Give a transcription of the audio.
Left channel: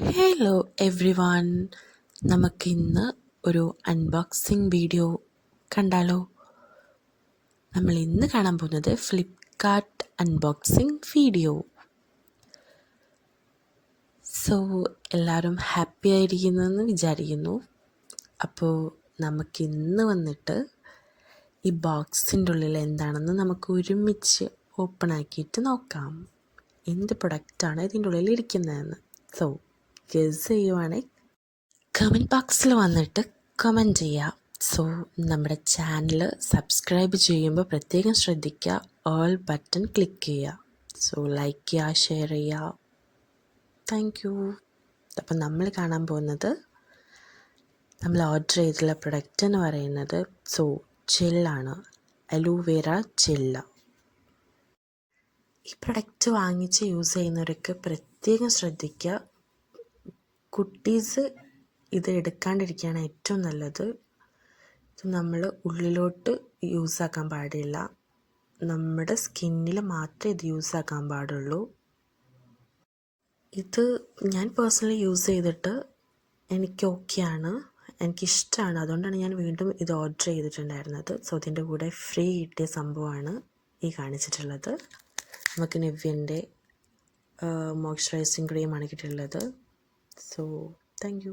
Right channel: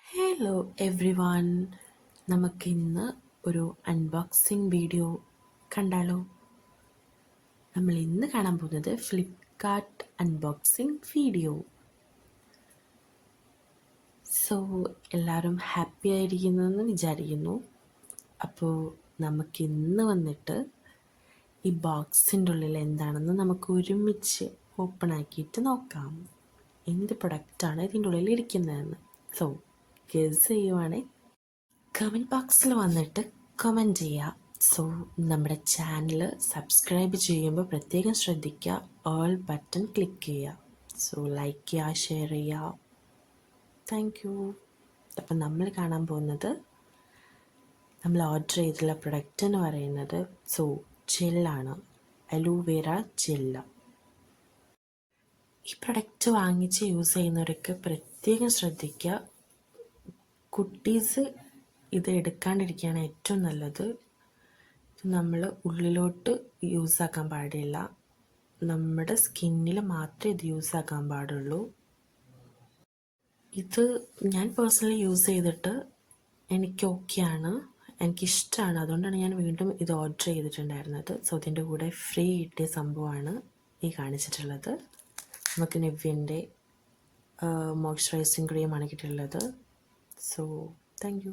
Hello every one, നമുക്കിന്ന് ഒരു unboxing video കണ്ടാലോ? നമ്മൾ ഇന്ന് കാണാൻ പോകുന്നത് ഫ്ലിപ്കാർട്ട് അൺബോക്സിങ് വീഡിയോ. സോ എല്ലാവരും ഹാപ്പി ആയിരിക്കുന്നെന്ന് വിചാരിക്കുന്നു. അപ്പോൾ നമുക്കിന്ന് വന്നിട്ട് ഈ ബോക്സിൻ്റെ ഉള്ളിൽ എന്താണെന്ന് നമുക്ക് ഒരുമിച്ച് ഓപ്പൺ ആക്കിയിട്ട് നോക്കാം. എന്ത് പ്രൊഡക്റ്റാണ് ഇതിൻ്റെ ഉള്ളിൽ ഇരിക്കുന്നതെന്ന്. സോ ഗസ് ചെയ്യുവാണെങ്കിൽ കമൻറ്റ് ബോക്സിൽ വന്നിട്ട് കമൻറ്റ് ചെയ്യുക. സോ നമ്മുടെ ചാനൽ സബ്സ്ക്രൈബ് ചെയ്യുമ്പോൾ പ്രത്യേകം ശ്രദ്ധിക്കുക, ഓൾ ബട്ടൺ ക്ലിക്ക് ചെയ്യുക. സോ ലൈക്ക് ചെയ്യുക, ഷെയർ ചെയ്യുക. Thank you. അപ്പം നമ്മൾ കാണാൻ പോകുന്നത്, നമ്മൾ ഓർഡർ ചെയ്തിട്ടുള്ള പ്രൊഡക്റ്റ് എന്ന് പറയുന്നത് ജെല്ലാണ്, അലോവേറ ജെല്ല. ഈ പ്രൊഡക്റ്റ് വാങ്ങിച്ച് യൂസ് ചെയ്യുന്നവരൊക്കെ പ്രത്യേകം ശ്രദ്ധിക്കുക. കുട്ടീസ് ഇത് എടുക്കാണ്ടിരിക്കുകയാണ് ഏറ്റവും നല്ലത്. ഇത് നമ്മൾ ഉള്ളിലോട്ട് യൂസാക്കാൻ പാടില്ല, നമ്മുടെ സ്കിന്നിൽ മാത്രമേ ഇത് യൂസാക്കാൻ പാടുള്ളൂ. ഇത് ഞാൻ പേഴ്സണലി യൂസ് ചെയ്തിട്ട് എനിക്ക് ഓക്കെയാണ്, എനിക്കിഷ്ടമാണ്. അതുകൊണ്ടാണ് ഞാൻ വീണ്ടും ഇത് ഓർഡർ ചെയ്തിട്ടുണ്ടായിരുന്നത്. സോ ഇതിൻ്റെ കൂടെ ഫ്രീ കിട്ടിയ സംഭവമാണ് ഈ കാണിച്ചിട്ടുള്ളത്. നമുക്ക് നിവ്യൻ്റെ മോയ്സ്ചറൈസിങ് ക്രീമാണ് കിട്ടിയിട്ടുള്ളത്. So thank you.